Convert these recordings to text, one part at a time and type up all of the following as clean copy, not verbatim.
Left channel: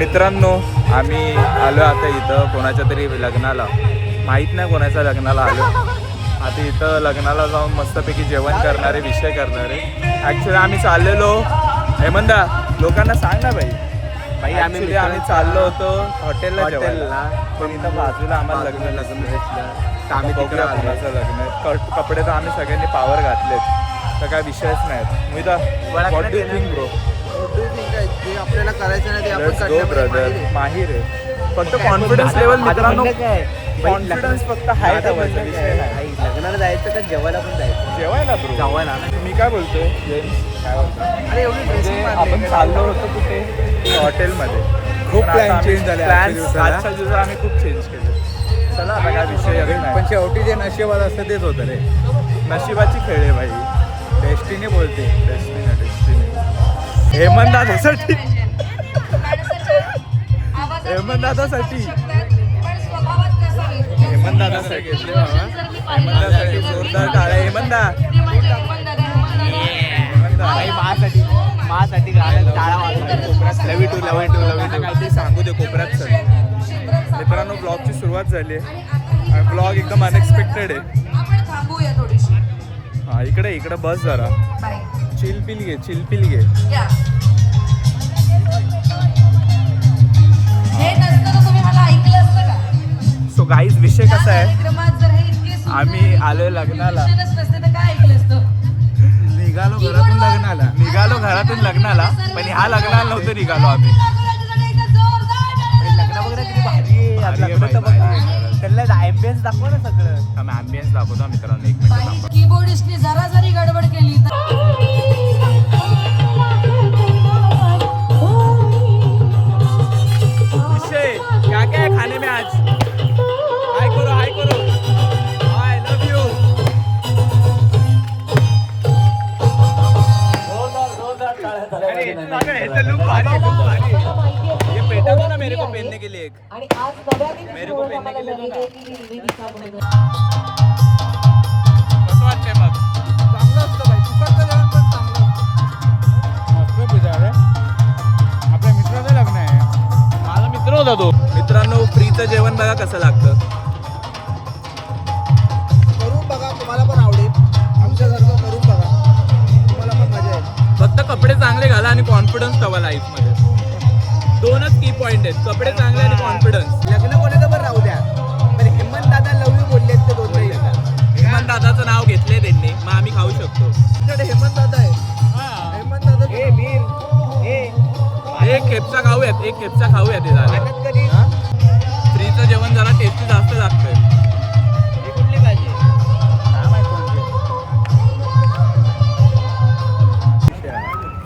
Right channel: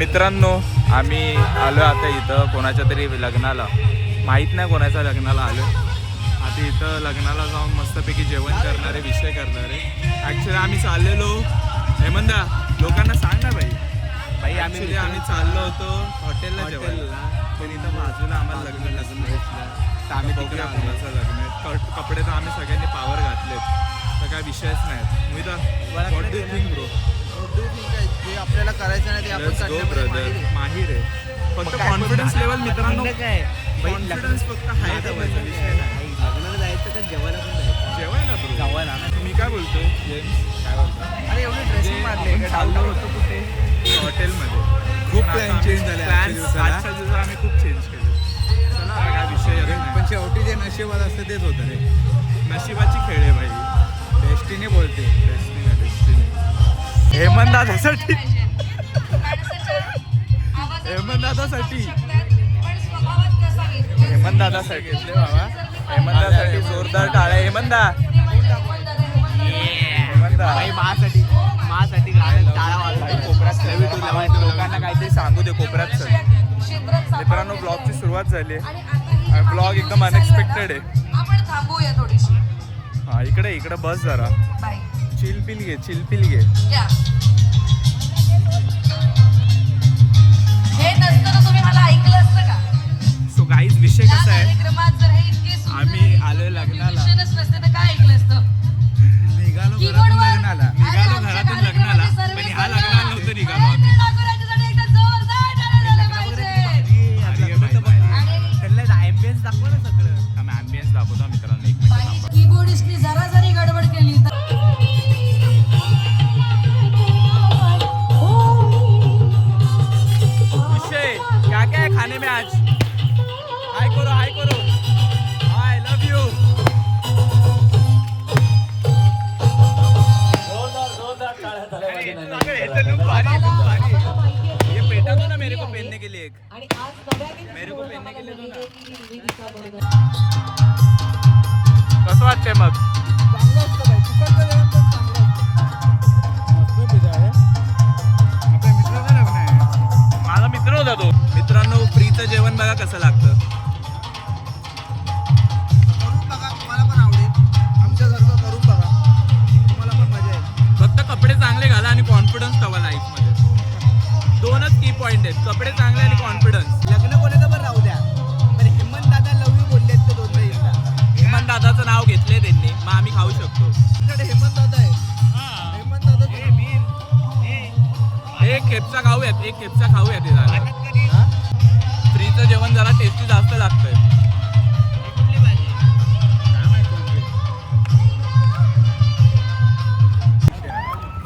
मित्रांनो आम्ही आलो आता इथं कोणाच्या तरी लग्नाला, माहीत नाही कोणाच्या लग्नाला आलो. आता इथं लग्नाला जाऊन मस्तपैकी जेवण करणारे, विषय करणारे. ॲक्च्युली आम्ही चाललेलो हेमंदा, लोकांना सांग ना भाई. ॲक्च्युली आम्ही चाललो होतो हॉटेलला जेवायला, पण इथं बाजूला आम्हाला लग्न भेटलं. तर आम्ही बघूया कोणाचं लग्न आहे. कपडे तर आम्ही सगळ्यांनी पावर घातलेत, तर काय विषयच नाही. मी तर what do you think bro? आपल्याला करायचं नाही गो ब्रदर, माहिर आहे. फक्त कॉन्फिडन्स लेवल मित्रांनो, कॉन्फिडन्स फक्त हाय ठेवायचा विषय नाही. लग्नाला जायचं का जेवायला पण जायचं? जेवायला ब्रो, जेवायला. मी काय बोलतोय जेम्स, काय बोलतो? अरे एवढी ड्रेसिंग आपण चाललो होतो कुठे, हॉटेलमध्ये. खूप प्लॅन चेंज झाले आजच्या दिवसात आम्ही खूप चेंज केले. चला आता काय विषय नाही. पण शेवटी जे नशिबात असतं तेच होतं रे. नशिबाची खेळ आहे भाई. डेस्टिनी बोलते. डेस्टिनी. हेमंत दादासाठी, हेमंत दादासाठी, हेमंत दादासाठी घेतले बाबा. हेमंत दादासाठी जोरदार टाळ्या. हेमंदा, माझ्यासाठी टाळा वाजवा. कोपऱ्यात काहीतरी सांगू दे कोपऱ्यात. सर मित्रांनो ब्लॉगची सुरुवात झाली आहे आणि ब्लॉग एकदम अनएक्सपेक्टेड आहे. हा इकडे बस जरा, चिलपिल घे. सो गाईज विषय कसा आहे, आम्ही आलोय लग्नाला. निघालो घरातून लग्नाला, पण ह्या लग्नाला नव्हतं निघालो आम्ही. ॲम्बियन्स दाखव ना सगळं. आम्ही ॲम्बियन्स दाखवतो मित्रांनो. एक मिनिट थांबा. कीबोर्डिस्टने जरा जरी गडबड केली तर विषय क्या क्या है खाने में आज? हाय करो, आई लव यू. ये पेटा दो ना मेरे को पहनने के लिए एक. मेरे को पहनने के लिए कसं वाटतंय मग? चांगलं असतं बाई, तुकडचं जेवण पण चांगलं असतं. मस्त पिझ्झा रे. आपल्या मित्राचं लग्न आहे. माझा मित्र होता तो. मित्रांनो फ्रीचं जेवण बघा कसं लागतं. करून बघा, तुम्हाला पण आवडेल. आमच्यासारखं करून बघा, तुम्हाला पण मजा येईल. फक्त कपडे चांगले घाला आणि कॉन्फिडन्स हवा लाईफमध्ये. दोनच की पॉईंट आहेत, कपडे चांगले आणि कॉन्फिडन्स. लग्न कोणाचं पण राहू द्या, पण हेमंत दादा लव यू बोललेत ते दोन वेळी. हेमंत दादाचं नाव घेतलंय त्यांनी, मग आम्ही खाऊ शकतो. तुमच्याकडे हेमंत दादा आहे. हेमंत दादा एक खेपचा खाऊयात हे झालं. फ्रीचं जेवण जरा टेस्टी जास्त लागतंय. कुठली भाजी?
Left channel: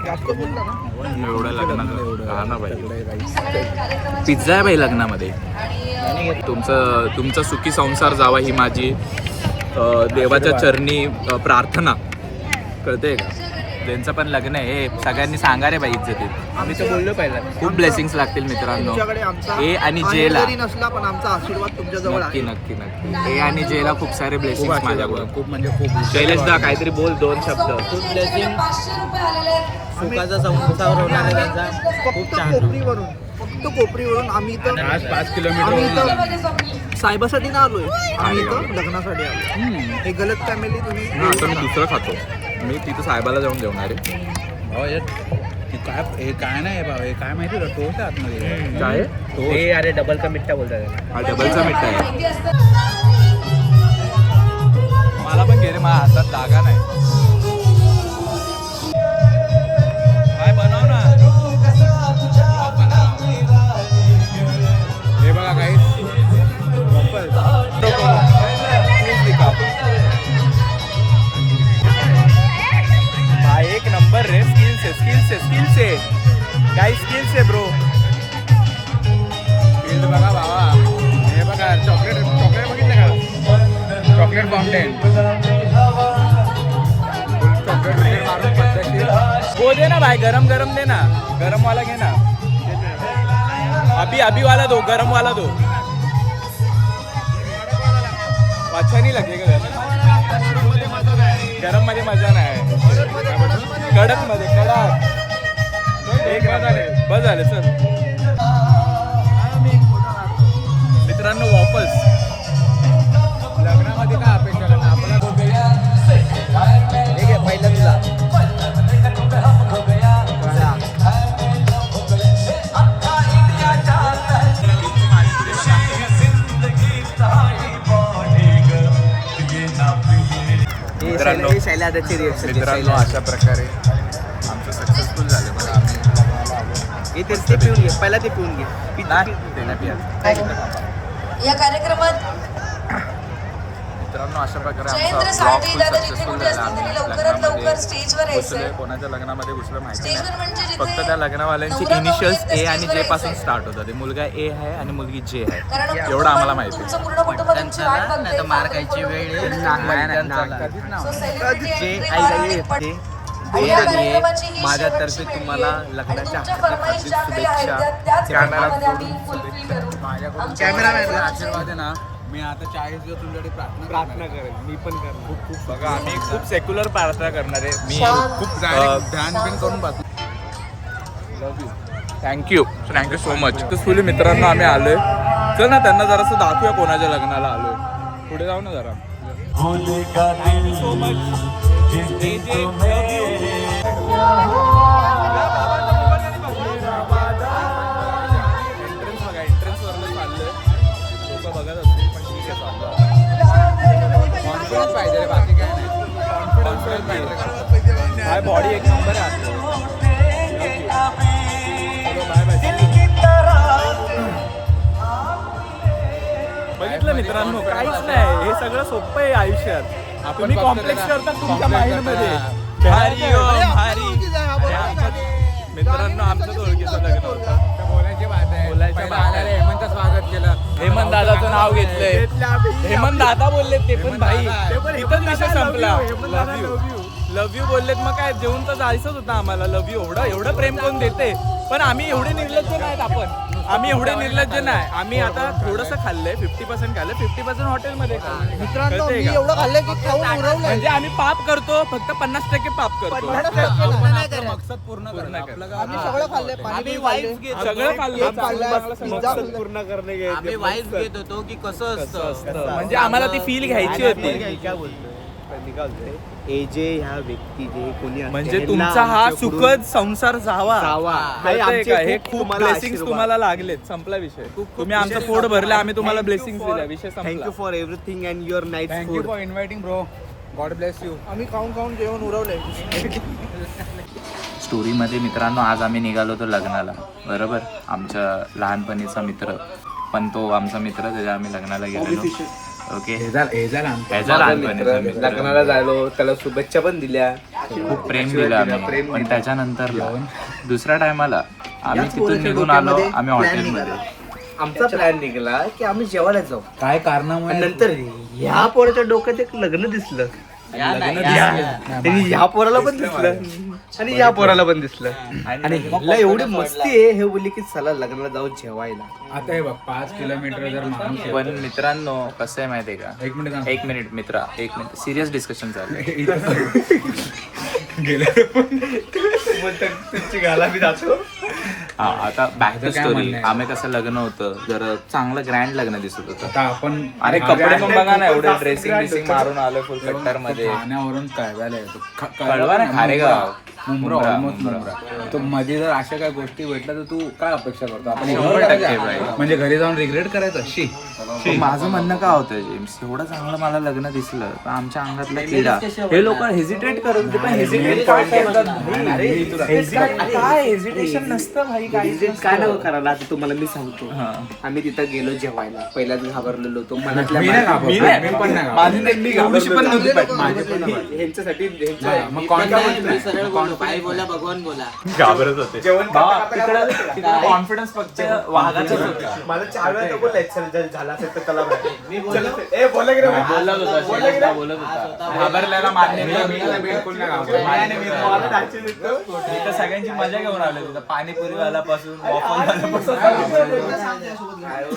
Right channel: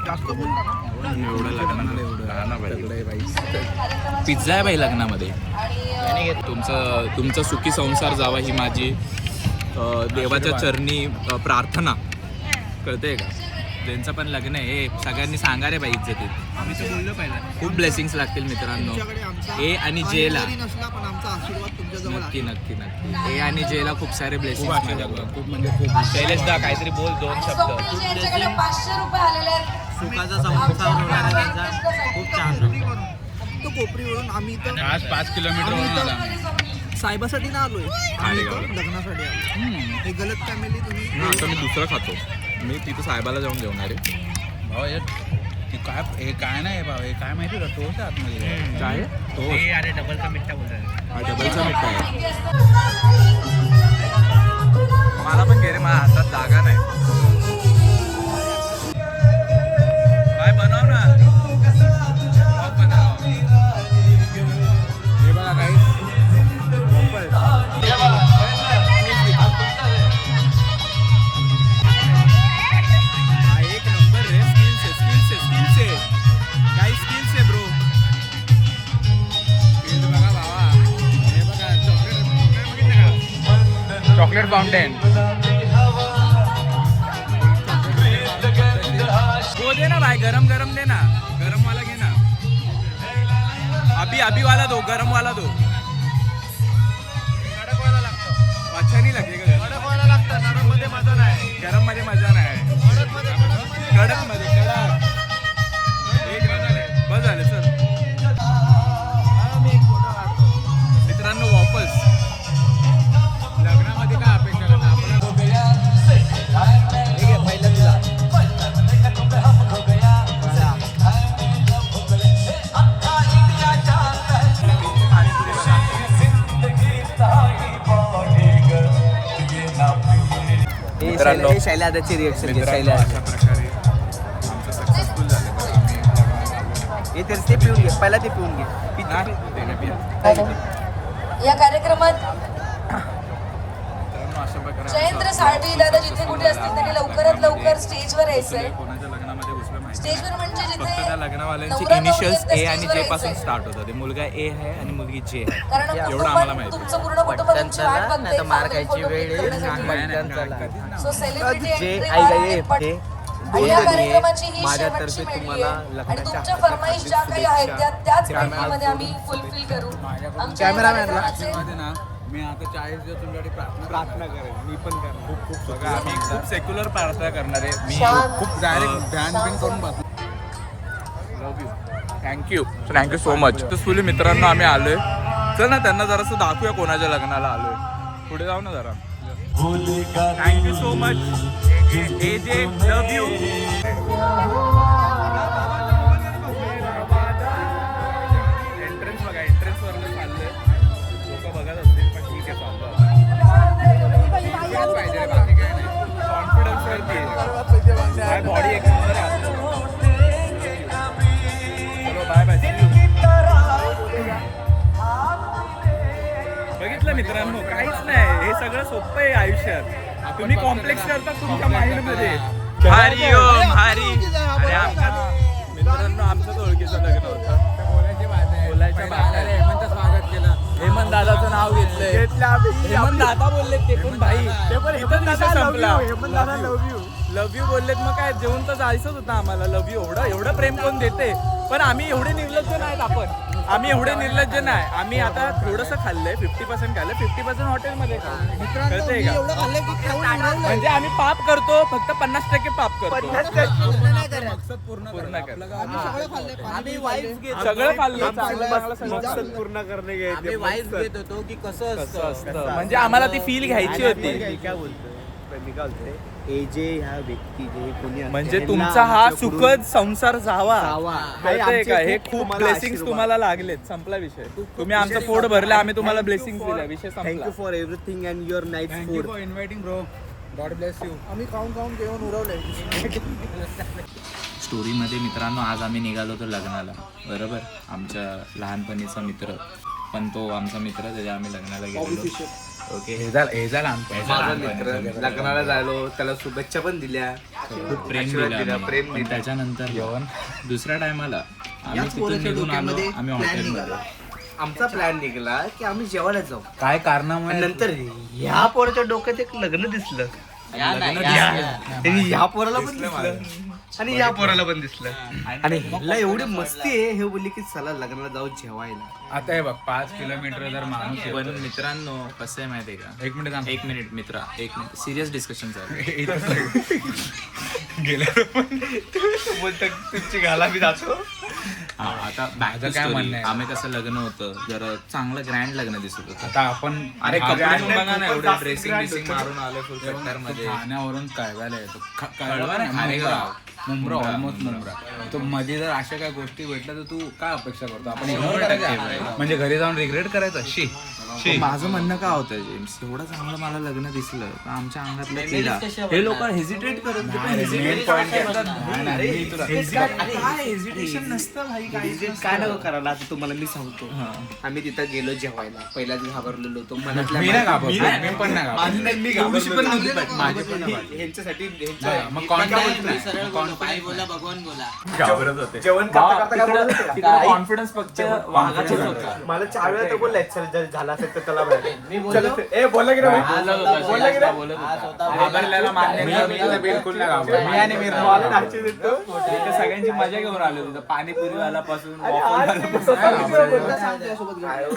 जास्त बोलला ना. पिझ्झा आहे बाई लग्नामध्ये. तुमचा सुखी संसार जावा ही माझी देवाच्या चरणी प्रार्थना. कळतंय का? ज्यांचं पण लग्न आहे हे सगळ्यांनी सांगा रे बाई इज्जतीत. आम्ही तर बोललो पहिला, खूप ब्लेसिंग्स लागतील मित्रांनो. ए आणि जेला नसला पण आमचा आशीर्वाद तुमच्या जवळ आहे. नक्की ए आणि जेला खूप सारे ब्लेसिंग्स माझ्याकडून. खूप म्हणजे खूप. शैलेशदा काहीतरी बोल, 2 शब्द. खूप ब्लेसिंग. सुखाचा संसार होणार आहे त्यांचा. खूप छान. फक्त कोपरीवरून आम्ही इथं आज 5 आम्ही किलोमीटर इथं साहेबासाठी ना आलोय. आम्ही इथं लग्नासाठी आलो. हे गलत फॅमिली तुम्ही. आता मी दुसरं खातो. मी तिथं साहेबाला जाऊन जेवणार आहे. काय नाही बाबा, हे काय माहिती का टोस्ट आतमध्ये काय हे. अरे डबलचा मिठ्ठा बोलतात. हा डबलचा मिठ्ठा आहे. मला पण घे रे, माझ्या हातात जागा नाही. काय बनव ना. हे बघा काही भाई एक नंबर रे. स्किल्स है गाइस, स्किल्स है ब्रो. स्किल्स बघा बाबा. हे बघा चॉकलेट बघितलं का? Chocolate fountain. वो दे ना भाई, गरम दे ना. गरम वाला घे ना. अभी वाला दो, गरम वाला दो. अच्छा नहीं लगेगा गरम मध्ये मजा नाही. कडक मध्ये कडक. एक बस झाले चल. मित्रांनो अशा प्रकारे आमचं सक्सेसफुल झालं बरं. आम्ही लग्नाला आलो. पहिला ते पिऊन घे. नाही, ते नाही पियायचं. या कार्यक्रमात मित्रांनो अशा प्रकारे जयेंद्र आमचा ब्लॉग सारथी फुल दादा सक्सेसफुल जिथे झाला. आम्ही कुठे असतील तरी लवकरात लवकर स्टेजवर लग्नामध्ये यायचंय. घुसलोय. कोणाच्या लग्नामध्ये घुसलं माहिती स्टेजवर नाही. म्हणजे जिथे फक्त त्या लग्नवाल्यांची इनिशियल्स ए आणि जे पासून स्टार्ट होतं. ते मुलगा ए आहे आणि मुलगी जे आहे कारण एवढं आम्हाला माहिती आहे. तुमचं पूर्ण कुटुंब तुमची वाट बघतंय. मार खायची वेळ So celebrity entry माझ्यातर्फे तुम्हाला लग्नाच्या हार्दिक शुभेच्छा. हात जोडून शुभेच्छा. माझ्याकडून कॅमेरामॅनला आशीर्वाद आहे ना. मी आता 40 दिवस तुमच्याकडे प्रार्थना करेल. मी पण करणार. खूप खूप बघा आम्ही खूप सेक्युलर प्रार्थना करणार आहे. मी खूप ध्यान बिन करून love you. Thank you so much. तर फुली मित्रांनो आम्ही आलोय. चल ना त्यांना जरासं दाखवूया कोणाच्या लग्नाला आलोय. पुढे जाऊ ना जरा. Thank you so much. Love you. Entrance बघा. एंट्रन्स वरनं चाललंय. लोक बघत असतील पण ठीक आहे चाललं. कॉन्फिडन्स पाहिजे रे, बाकी काय नाही. कॉन्फिडन्स वरती हाय. बॉडी एक नंबर आहे आपलं. चलो बाय बाय. C you. बघितलं मित्रांनो काहीच नाही. हे सगळं सोपं आहे आयुष्यात. तुम्ही कॉम्प्लेक्स करता तुमच्या माइंड मध्ये. भारी ओम भारी. आणि आमच्या मित्रांनो आमच्याच ओळखीचं लग्न होतं. बोलायची बात आहे. बोलायच्या पहिला बात आहे. आलेलं हेमंतचं स्वागत केलं. हेमंत दादाचं नाव घेतलंय. हेमंत दादा बोलले ते पण भाई. इथंच विषय संपला. लव्ह यू बोललेत. मग काय जेवून तर जायचंच होतं आम्हाला. लव्ह यू एवढं प्रेम कोण देते. पण आम्ही एवढे निर्लज्ज नाहीत. आम्ही एवढे निर्लज्ज नाही. आम्ही आता थोडंसं खाल्लंय. 50% खाल्लंय. 50% हॉटेलमध्ये कळतंय का. म्हणजे आम्ही पाप करतो. फक्त 50% पाप करतो. मकसद पूर्ण पूर्ण करणं. कर. आपलं आम्ही वाईफ घेत सगळं खाल्लं. मकसद पूर्ण करणे आम्ही वाईफ घेत होतो की कसं असतं. म्हणजे आम्हाला ती फील घ्यायची होती. मी काय बोलतोय मी काय बोलतोय हे जे ह्या व्यक्ती जे कोणी असते, म्हणजे ह्यांना तुमचा हा आमच्याकडून सुखद संसार जावा. जावा. कळतंय आमचे का. हे खूप खूप तुम्हाला ब्लेसिंग्स आशीर्वाद. तुम्हाला लागलेत. संपला विषय. तुम्ही आमचं पोट भरलं. आम्ही तुम्हाला ब्लेसिंग्स दिल्या. विषय संपला. Thank you for everything and your night thank you food. For inviting bro. God bless you. आम्ही खाऊन जेवण उरवलंय. स्टोरीमध्ये मित्रांनो आज आम्ही निघालो होतो लग्नाला. बरोबर. आमच्या लहानपणीचा मित्र. पण तो आमचा मित्र त्याच्या आम्ही लग्नाला गेलो. ओके. लग्नाला झालो. त्याला शुभेच्छा पण दिल्या. खूप प्रेम दिलं आम्ही. पण त्याच्यानंतर दुसऱ्या टायमाला आम्ही तिथून निघून आलो. आम्ही हॉटेलमध्ये आमचा प्लॅन निघाला की आम्ही जेवायला जाऊ. काय कारणामुळे आणि नंतर ह्या पोराच्या डोक्यात एक लग्न दिसलं. आणि ह्या पोराला पण दिसलं आणि या पोराला पण दिसलं. आणि ह्याला एवढी मस्ती आहे. हे बोलली की चला लग्नाला जाऊ जेवायला. आता हे बघ 5 किलोमीटर जर माणूस पण मित्रांनो कसं आहे माहितीये का. एक मिनिट थांब. एक मिनिट सिरियस डिस्कशन चालू आहे. तुमची गाला मी जातो. हा आता बॅक टू काय स्टोरी. म्हणणं आहे? आम्ही कसं लग्न होतं जर चांगलं ग्रँड लग्न दिसत होतं. आता आपण अरे कपडे पण बघा ना. एवढे खूपच ड्रेसिंग grand होतं. मारून आलोय फुल कट्टर मध्ये. खाण्यावरून कळवायला येतो. कळवा ना. खारेगाव. मुंब्रा मुंब्रा. ऑलमोस्ट मुंब्रा. तो मध्ये जर अशा काही गोष्टी भेटल्या तर तू काय अपेक्षा करतो. आपण 100% बाई. म्हणजे घरी जाऊन रिग्रेट करायचं. पण माझं म्हणणं काय होतं जेम्स. एवढं चांगलं मला लग्न दिसलं पण आमच्या अंगातला किडा. हे लोक हेजिटेट करत होते. पण हेजिटेट काय हेजिटेशन नसतं भाई. काय नको करायला. आता तुम्हाला मी सांगतो. हा. आम्ही तिथं गेलो जेवायला. पहिल्याच घाबरलेलो होतो. मनातल्या मी नाही घाबरलो. मी पण नाही घाबरलो. मी एवढीशी पण नव्हती पाहिजे. माझी पण नाही. ह्यांच्यासाठी मग कॉन्फिडन्स सरळ बोला, बाई बोला, भगवान बोला. घाबरत होते. तिकडे कॉन्फिडन्स फक्त वाघाचाच होता. मला 4 वेळा तो बोललाय चल जर झाला असेल तर त्याला मी बोललो. बोलत होता. शैलेशदा बोलत होता. घाबरल्याला मान्य बिलकुल नाही घाबरलो. इथं सगळ्यांची मजा घेऊन आलो. तिथं पाणीपुरीवाला पासून वॉफलवाल्यापासून.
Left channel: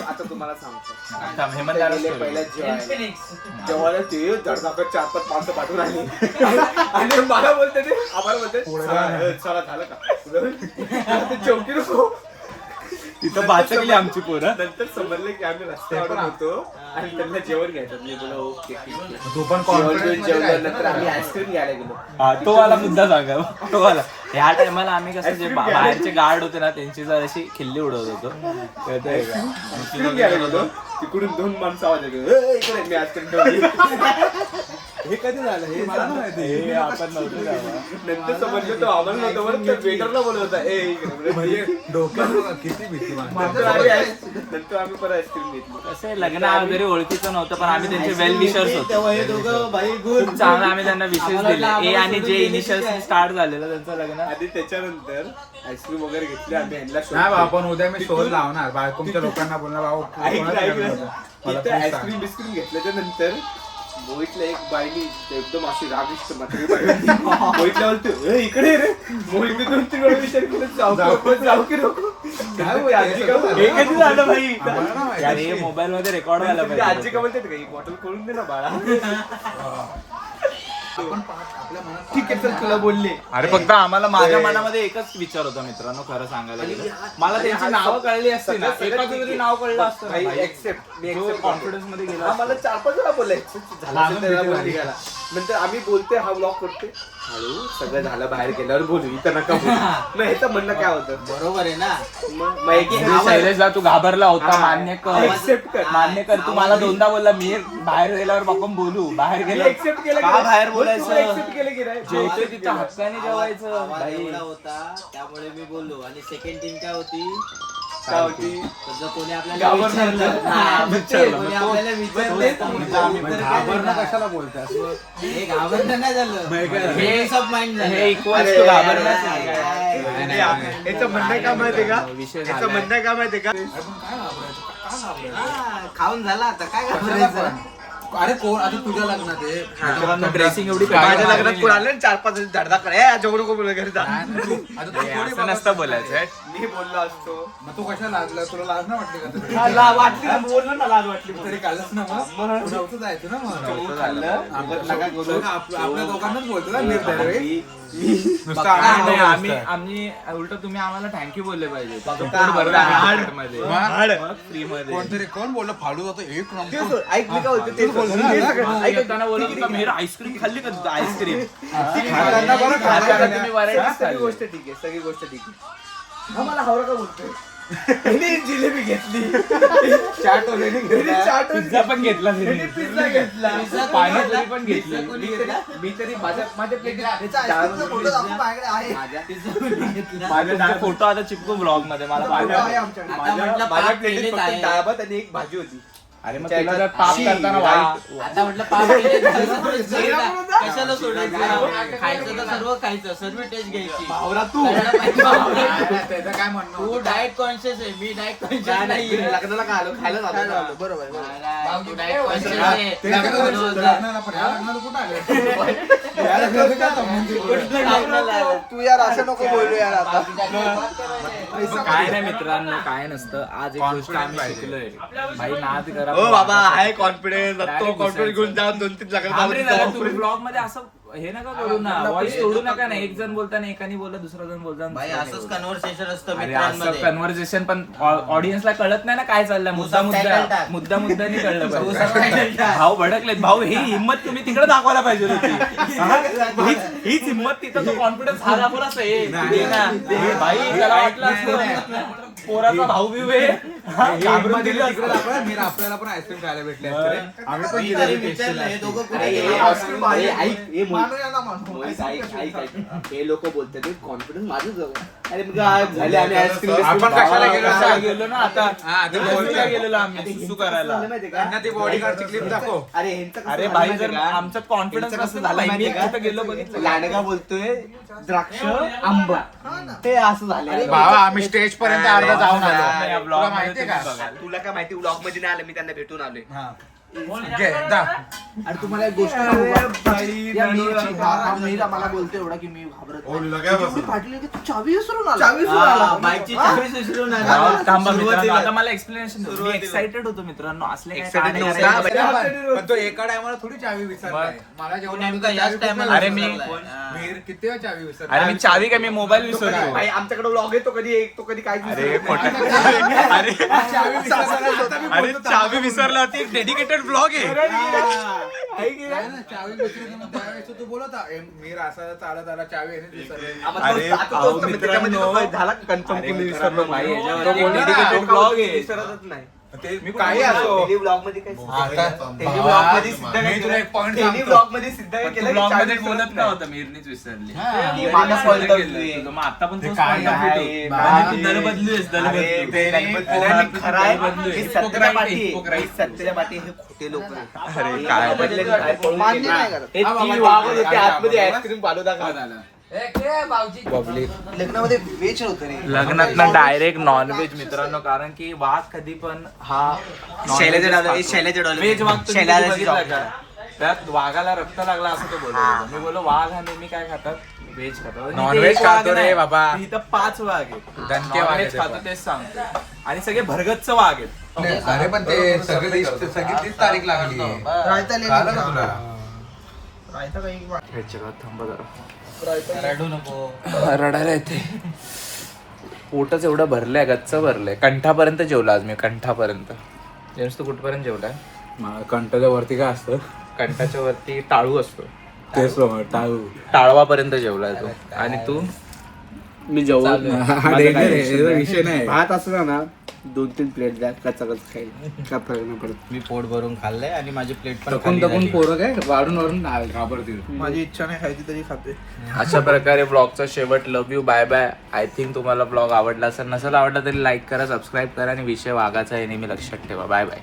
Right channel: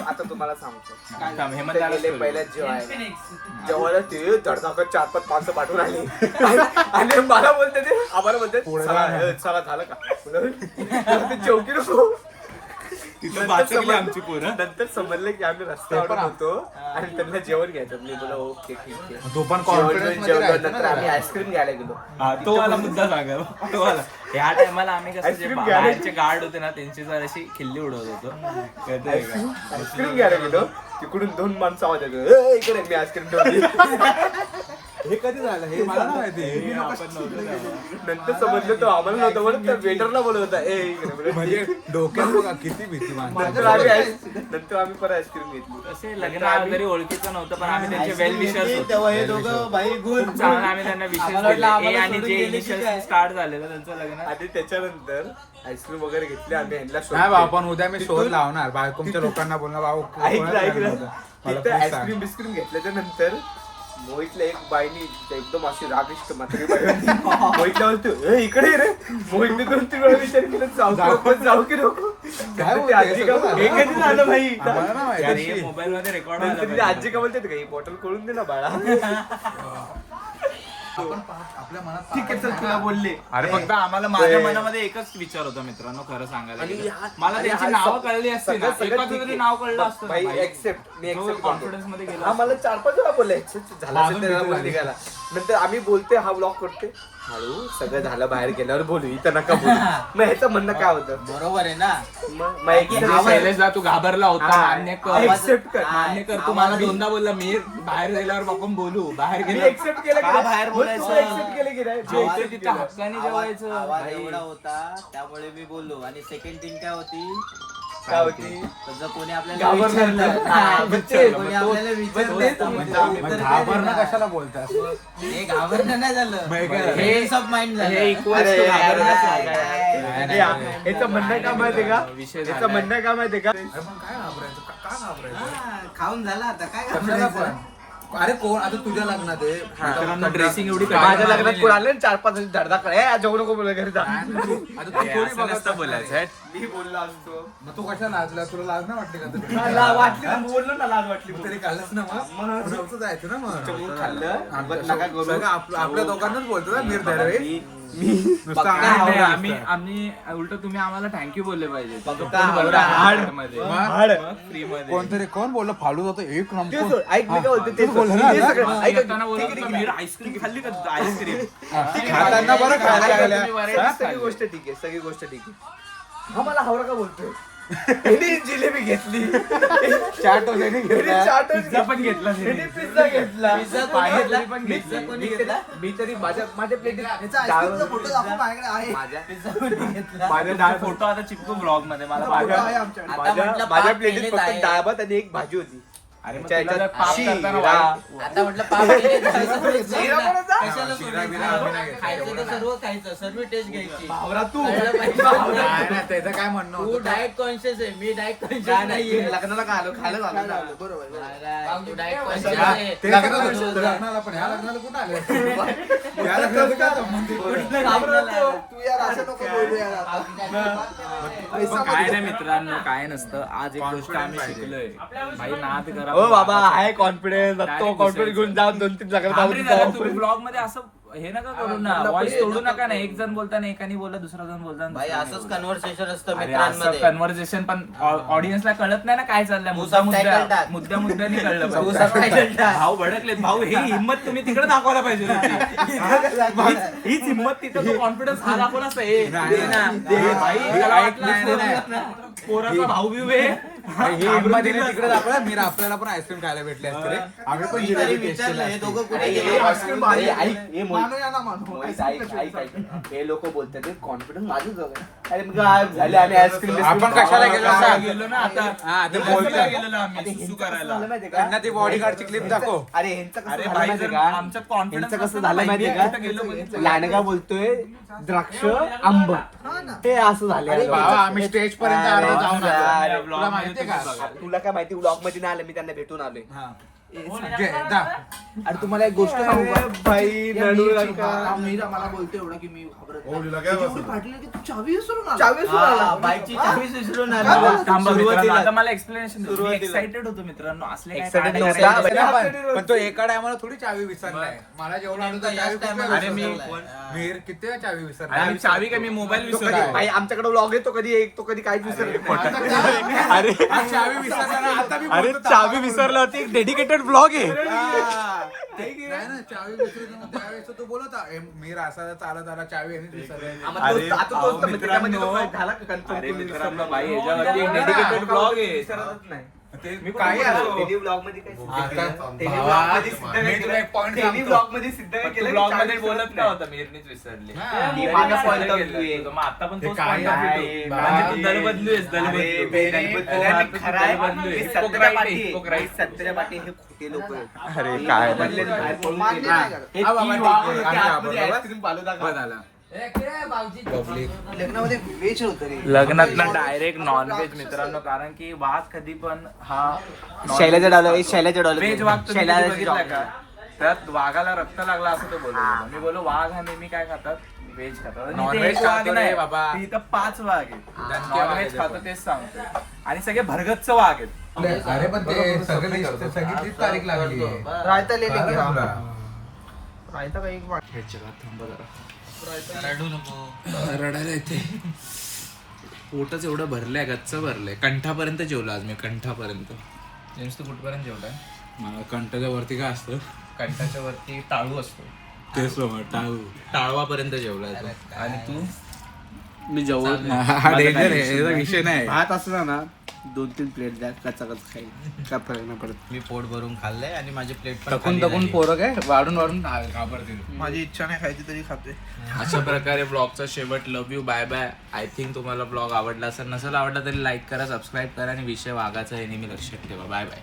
आता तुम्हाला सांगतो. हेमंत पहिल्या जेवायला ते धडधाकट 4-5 माणसं पाठवून आली. आणि मला बोलते ते आम्हाला बोलते चला झालं का चौकी नको. तिथं बाचकली आमची पोरं. नंतर समजलं की आम्ही रस्त्यावर होतो आणि त्यांना जेवण घ्यायचं. मी बोला ओके ठीक आहे. तू पण जेवण जेवलं. नंतर आम्ही आईस्क्रीम घ्यायला गेलो. हा, तो वाला मुद्दा सांगा. तो वाला ह्या टायमाला आम्ही कसं जे बाहेरचे गार्ड होते ना त्यांची जर अशी खिल्ली उडवत होतो. कळतंय का. आईस्क्रीम घ्यायला गेलो. तिकडून 2 माणसं आवाज येतो इकडे. मी आईस्क्रीम ठेवली. हे कधी झालं हे मला नाही माहिती. आपण नव्हतो तेव्हा. नंतर समजलं तो आम्हाला नव्हतं म्हणून त्या वेटरला बोलवता म्हणजे डोक्यात बघा किती भीती मानते. नंतर आम्ही परत आईस्क्रीम घेतली. तसे लग्न वगैरे ओळखीचं नव्हतं पण आम्ही त्यांचे वेल विशर्स होतो. तेव्हा हे दोघं बाई खूप चांगलं आम्ही त्यांना विशेष दिले. ए आणि जे इनिशियल स्टार्ट झालेलं त्यांचं लग्न. आणि त्याच्यानंतर आईस्क्रीम वगैरे घेतली आम्ही ह्यांना नाही बाबा पण उद्या मी शोध लावणार बायकोच्या लोकांना बोलणार बाबा ऐकलं मला तिथं please सांग. आईस्क्रीम बिस्क्रीम घेतल्याच्या नंतर मोहितला एक बाईनी एकदम अशी रागिष्ट म्हातारी बाई होती. मोहितला बोलतो "ए, इकडे ये रे." मोहितने 2-3 वेळा विचार केला जाऊ की नको काय बोलते? आजी का बोलते? हे कधी झालं भाई मला नाही माहिती. यार हे मोबाईल मध्ये रेकॉर्ड व्हायला नंतर ती आजी पाहिजे. का बोलते का ही बॉटल खोलून दे ना बाळा. आपण आपल्या मनात ठीक आहे चल तुला बोलले. अरे फक्त आम्हाला माझ्या मनामध्ये एकच विचार होता मित्रांनो खरं सांगायला गेलं. मला त्यांची नावं कळली असती ना एकाचं तरी नाव कळलं असतं भाई, ना भाई. accept. मी जो accept कॉन्फिडन्स मध्ये गेला हा असता. मला 4-5 वेळा बोलले झालं माझं असेल त्याला मित्र बोल झाली. निघाला. नंतर आम्ही बोलते हा ब्लॉग करते हळू सगळं झालं बाहेर गेल्यावर बोलू इथं नका बोलू. मग ह्याचं म्हणणं काय होतं बरोबर आहे ना. मग एक म्हणजे शैलेशला तू घाबरला होता हा. मान्य कर Accept कर. मान्य कर तू मला दोनदा बोलला मी बाहेर गेल्यावर आपण बोलू बाहेर गेल्यावर एक्सेप्ट केलं का बाहेर बोलायचं एक्सेप्ट केलं की नाही जेवतोय तिथं हक्काने जेवायचं आवाज भाई. एवढा होता त्यामुळे मी बोललो. आणि सेकंड थिंग काय होती, काय होती तर जर कोणी आपल्याला घाबरलं. विचारलं हा, विचारलं. कोणी मग तो- आपल्याला विचारलं तोच तर मुद्दा म्हटलं आम्ही उत्तर काय घाबरणं देणार? कशाला बोलते असं हे घाबरणं नाही झालं. हे Peace of mind झालं. हे इक्वल्स टू घाबरण्याचं काय, आहे. काय, काय. नाही, नाही. याचं म्हणणं काय माहितीये का विषय याचं झालाय. म्हणणं काय माहितीये का अरे पण काय घाबरायचं का घाबरायचं हा, खाऊन झाला आता काय कशाला घाबरायचं? पण? अरे कोण आता तुझ्या लग्नात आहे मित्रांनो ड्रेसिंग एवढी माझ्या काढली. लग्नात कोण आलं 4-5 धडधाकडे जेवढ नको बोल घरी जा नाही, नाही, तू- आता तू हे थोडी असं नसतं बोलायचं मी बोललो असतो मग तू कशा लाजला तुला लाज नाही वाटली का तरी? वाटली ना, बोललो ना लाज वाटली तू तरी काढलंस ना मग नव्हतं जायचं ना मग तू खाल्लं आपण नका करू बघ, आपल्या दोघांनाच बोलतो ना निर्धार नुसतं नाही, आम्हाला नाही, आम्ही बोलतोय. आम्ही उलट तुम्ही आम्हाला थँक्यू बोलले पाहिजे तुमचं पोट भरलं आहे मध्ये मग फ्री मध्ये कोणतरी कोण बोललं फालू जातो एक नंबर ऐक मी काय होते ते तू बोलतो ना, हे सगळं- मला येताना बोलत होता मी आईस्क्रीम खाल्ली का आईस्क्रीम त्यांना बरं खायला गेल्या. तुम्ही varieties सगळी खाल्ली. गोष्ट ठीक आहे सगळी गोष्ट ठीक आहे हा मला हावरा का बोलतोय ह्याने जिलेबी घेतली चाट वगैरे ह्याने घेतला. चाट पिझ्झा पण घेतला ह्याने पिझ्झा घेतला पाणीपुरी पण घेतली मी तरी माझ्या प्लेटीत माझे फोटो आता चिपकू ब्लॉग मध्ये मला पाठव. आता म्हटलं माझ्या पाप प्लेटीत केलेच फक्त आहे. डाळ भात आणि एक भाजी होती अरे मग तुला जर पाप करताना वाईट आता म्हटलं पाप केले तर सर्वच करूया. कशाला सोडायचं खायचं तर सर्व खायचं सर्व टेस्ट घ्यायची भावरा तू कळलं पाहिजे भावरा. नाही, त्याचं काय म्हणणं तू होतं? डाएट कॉन्शियस आहे मी डाएट कॉन्शियस नाही लग्नाला काय आलो खायला झालं बरोबर तू डाएट कॉन्शियस आहे ते लग्नाला पण ह्या लग्नाला कुठं आले? या लग्नाचं काय संबंध? तू यार असं नको बोलू यार आता काय नाही मित्रांनो काय नसतं आज एक गोष्ट आम्ही शिकलोय भाई नाद करा हो बाबा आहे कॉन्फिडन्स Direct कॉन्फिडन्स घेऊन जा 2-3 थांब रे जरा, जागा तुम्ही ब्लॉग मध्ये असं हे नका करू ना व्हॉइस तोडू नका ना एक जण बोलताना एकाने बोला दुसरा जण बोलताना भाई दुसऱ्याने असंच बोला. कन्व्हर्सेशन असतं अरे असं मित्रांमध्ये. कन्व्हर्सेशन पण ऑडियन्सला कळत नाही ना काय चाललंय मुद्दा मुद्द्यानी कळलं पाहिजे भाऊ भडकलेत भाऊ ही हिंमत तुम्ही तिकडे दाखवायला पाहिजे होती हीच हिंमत तिथं तो कॉन्फिडन्स हा दाखवला भाई त्याला वाटलं असतं पोराचा भाऊ बिव आहे हा, घाबरून दिलं असतं. तिकडे दाखवलं, मी आपल्याला पण आईस्क्रीम खायला भेटले असते रे. आम्ही पण मी तरी जिलेबी विचारलं हे दोघं कुठे हे गेले? आईस्क्रीम भारी आहे. हे हे लोक बोलतात कॉन्फिडन्स माझंच बघा. अरे मग काय झाले आम्ही आईस्क्रीम आपण कशाला गेलो? कशाला गेलो ना आता हा, ते कशाला गेलेलो आम्ही सुसू करायला त्यांना ती बॉडीगार्डची क्लिप दाखव. अरे ह्यांचं कसं अरे झालं भाई माहितीये जर का? आमचा कॉन्फिडन्स ह्यांचं नसतं कसं ना झालं भाई मी माहितीये का? कुठं गेलो बघितलं का? लांडगा बोलतोय द्राक्ष आंबा ते असं झाले भावा आम्ही स्टेज पर्यंत अर्धा जाऊन आलो. या तुला vlog माहितीये का मध्ये तुम्ही बघाल. तुला काय माहिती ब्लॉग मध्ये नाही आलं मी त्यांना भेटून आलोय हा. घे, दा. आणि तुम्हाला एक गोष्ट सांगू का? भाई या रडू मीरची- नका. हा मीरा मला बोलते एवढा की मी घाबरत ओ, नाही. तुला काय एवढी बसलं? फाटली की तू चावी विसरून आला. हा, बाईकची चावी विसरून आला. थांबा मित्रांनो सुरुवातीला- आता मला एक्सप्लेनेशन मी सुरुवातीला- एक्साइटेड होतो मित्रांनो असले काय Excited कांडे नव्हता. करायला पण तो एकाडे आम्हाला थोडी चावी विसरलाय. मला जेवण आलं तर नेमका चावी याच कुठे टायमाला अरे मी- विसरलाय? मीर किती वेळा चावी विसरला? अरे मी चावी काय मी मोबाईल तो कधी विसरतो आई आमच्याकडे ब्लॉग येतो कधी एक तो कधी काय अरे खोटं. अरे चावी विसरला. आता मी अरे बोलतो चावी विसरल्यावरती एक डेडिकेटेड ब्लॉग आहे नाही ना, चावी विसरली मग त्यावेळेस तो बोलत होता, "ए, मीर असा चालत आला चावी यानेच विसरली." अरे, अहो, मित्रांनो. झाला कन्फर्म अरे मित्रांनो भाई याच्यावरती एक डेडिकेटेड ब्लॉग आहे विसरतच नाही मी काही असो ब्लॉग मध्ये काय मी तुला एक point सांगतो. ब्लॉग मध्ये सिद्ध काय केलं ब्लॉग मध्ये बोलत का होता मीच विसरली मी माझा point of view आहे. मग आता पण ते तोच काय point of view आहे? तो. म्हणजे तू दल बदलूयस, दल अरे, बदलू. ते दल खरं आहे. बदलूयस. हे Hypocrite सत्याच्या आहे, पाठी आहे. hypocrite. हे सत्याच्या पाठी हे खोटे लोक आहेत. अरे काय रे. बदलेले बाहेर पळून मान्य गेले. नाही करत. हे हा, बाबा, ती वाघ ते होते, काय आतमध्ये बाबा? आईस्क्रीम फालुदा खा. लग्नामध्ये वेज होतं रे लग्नात ना डायरेक्ट नॉनव्हेज मित्रांनो, कारण की वाघ कधी पण हा शैलाचा डॉलर शैलाचा डॉलर व्हेज वाघ तुम्ही शैलाचा कधी बघितलाय का? त्यात वाघाला रक्त लागला असं तो बोलतो. मी बोललो वाघ हा नेहमी काय खातात, व्हेज खातात. आणि इथे Non-veg एक वाघ खातो रे नाही बाबा. इथं 5 वाघ आहेत. दणके वाघ नॉनव्हेज आहेत खातो ते पण. तेच सांगतोय. आणि सगळे भरगतच वाघ आहेत. अरे पण ते सगळी तीच तारीख लागली रायता रडू नको. रडायला येते. पोटच एवढं भरलंय, गच्च भरलंय. कंठापर्यंत जेवला आज मी, कंठापर्यंत. जेम्स तू कुठपर्यंत जेवलाय? मला कंटाच्या वरती काय असतं कंठाच्या वरती टाळू असतो, तेच बघा टाळू टाळवापर्यंत जेवलाय तो. आणि तू? मी जेवण विषय नाही भात असला ना 2-3 प्लेट द्या, कच्चा खाईल काय फरक नाही पडत. मी पोट भरून खाल्लंय आणि माझी प्लेट पण टकून खाली टकून झाली. पोरं काय वाढून घाबरतील. माझी इच्छा नाही खायची तरी खाते अशा प्रकारे ब्लॉगचा शेवट. Love you, bye bye. I think तुम्हाला ब्लॉग आवडला असेल. नसेल आवडला तरी लाईक करा, सबस्क्राईब करा आणि विषय वाघाचा आहे नेहमी लक्षात ठेवा. Bye bye.